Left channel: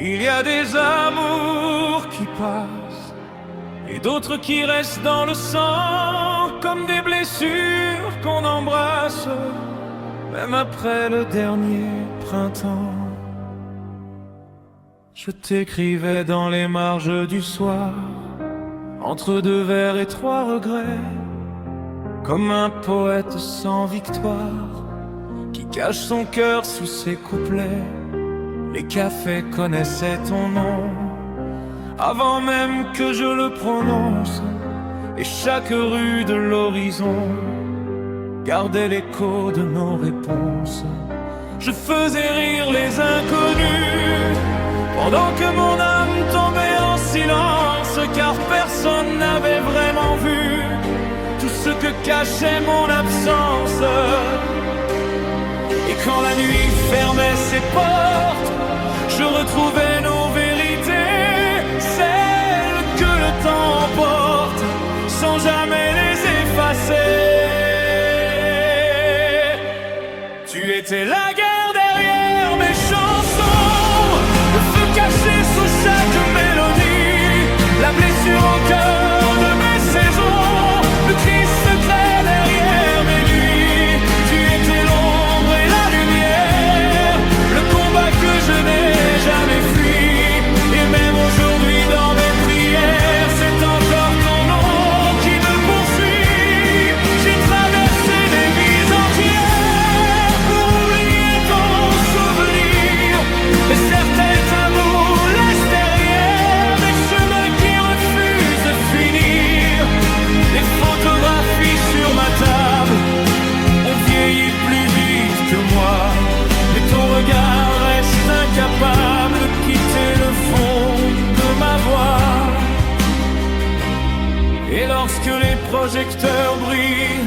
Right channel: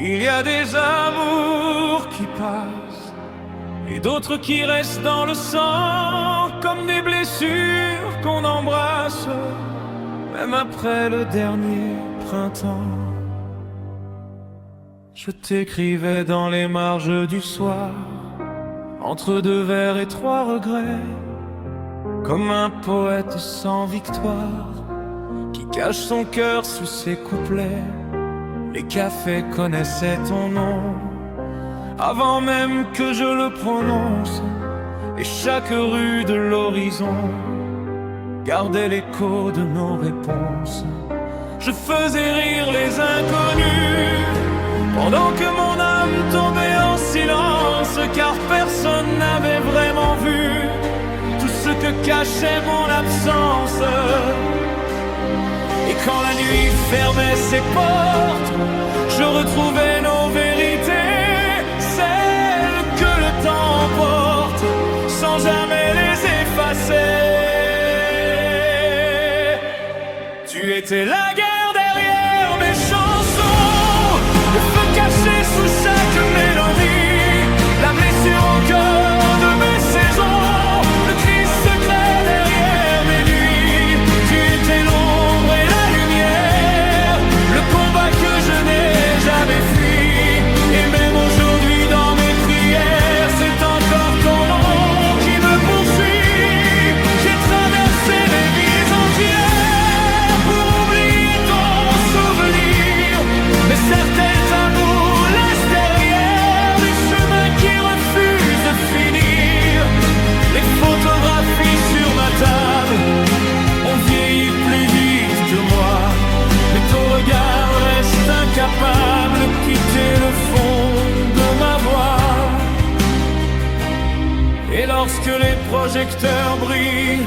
Il y a des amours qui passent et d'autres qui restent dans le sang, comme des blessures qu'on embrasse, même après le dernier printemps. Je t'écrivais dans les marges du soir, entre 2 vers et 3 regrets, comme un poète sans victoire, qui cache son cœur sous ses couplets. Les cafés connaissaient ton nom, avant même que je le prononce, et chaque rue de l'horizon gardait l'écho de nos réponses. Je faisais rire les inconnus, pendant que mon âme tombait en silence, car personne n'avait vraiment vu tout ce que cachait mon absence. Et quand la nuit fermait ses portes, je retrouvais nos vérités, celles que le temps emporte, sans jamais les effacer. Tu étais la guerre derrière mes chansons, le feu caché sous chaque mélodie, la blessure en cœur de mes saisons, le cri secret derrière mes nuits. Tu étais l'ombre et la lumière, le combat que je n'ai jamais fui. Et même aujourd'hui dans mes prières, c'est encore ton nom qui me poursuit. J'ai traversé des vies entières pour oublier ton souvenir, mais certains amours laissent derrière des chemins qui refusent de finir. Les photographies sur ma table ont vieilli plus vite que moi, mais ton regard reste incapable de quitter le fond de ma voix. Et lorsque les projecteurs brillent,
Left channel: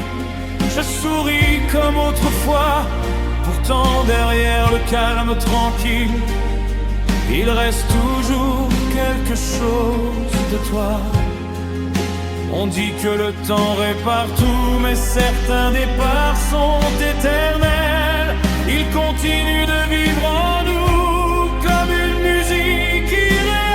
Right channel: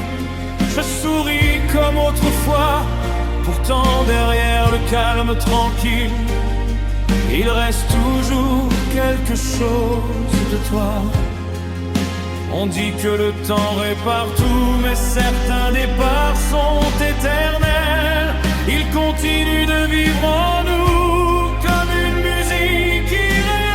je souris comme autrefois. Pourtant derrière le calme tranquille, il reste toujours quelque chose de toi. On dit que le temps répare tout, mais certains départs sont éternels. Ils continuent de vivre en nous comme une musique irréelle.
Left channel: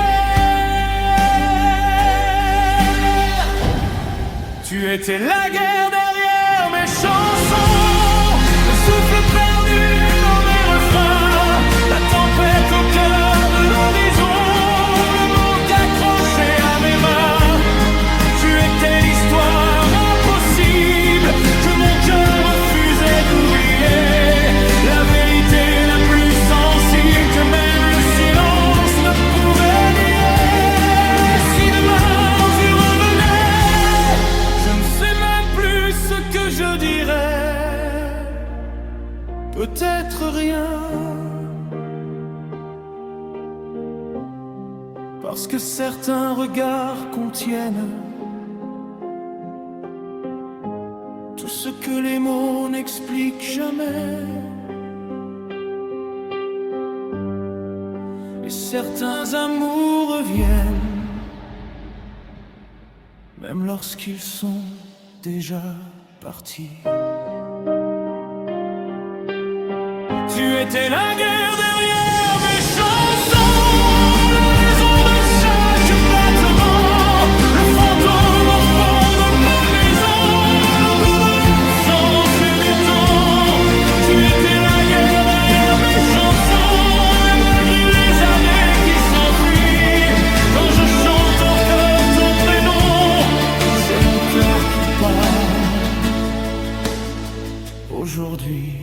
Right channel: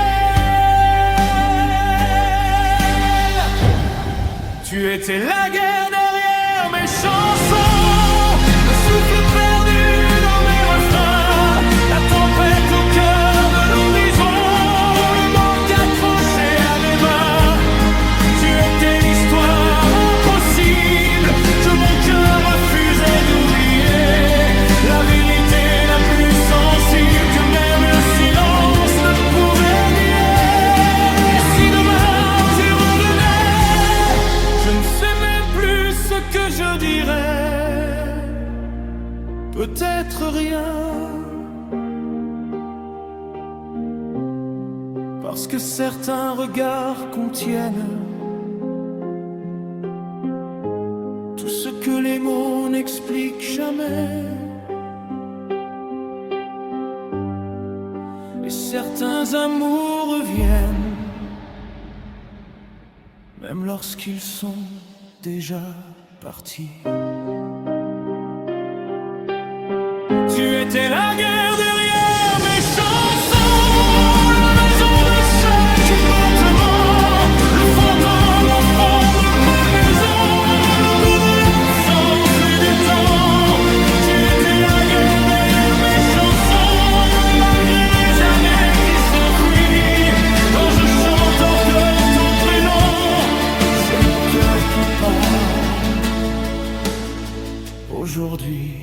Tu étais la guerre derrière mes chansons, le souffle perdu dans mes refrains, la tempête au cœur de l'horizon, le manque accroché à mes mains. Tu étais l'histoire impossible que mon cœur refusait d'oublier, la vérité la plus sensible que même le silence ne pouvait nier. Et si demain tu revenais, je ne sais même plus ce que je dirais. Peut-être rien, parce que certains regards contiennent tout ce que les mots n'expliquent jamais. Et certains amours reviennent, même lorsqu'ils sont déjà partis. Tu étais la guerre derrière mes chansons, la raison de chaque battement, le fantôme au fond de ma maison, le goût de l'absence et du temps. Tu étais la guerre derrière mes chansons, et malgré les années qui s'enfuient, quand je chante encore ton prénom, c'est mon cœur qui parle aujourd'hui.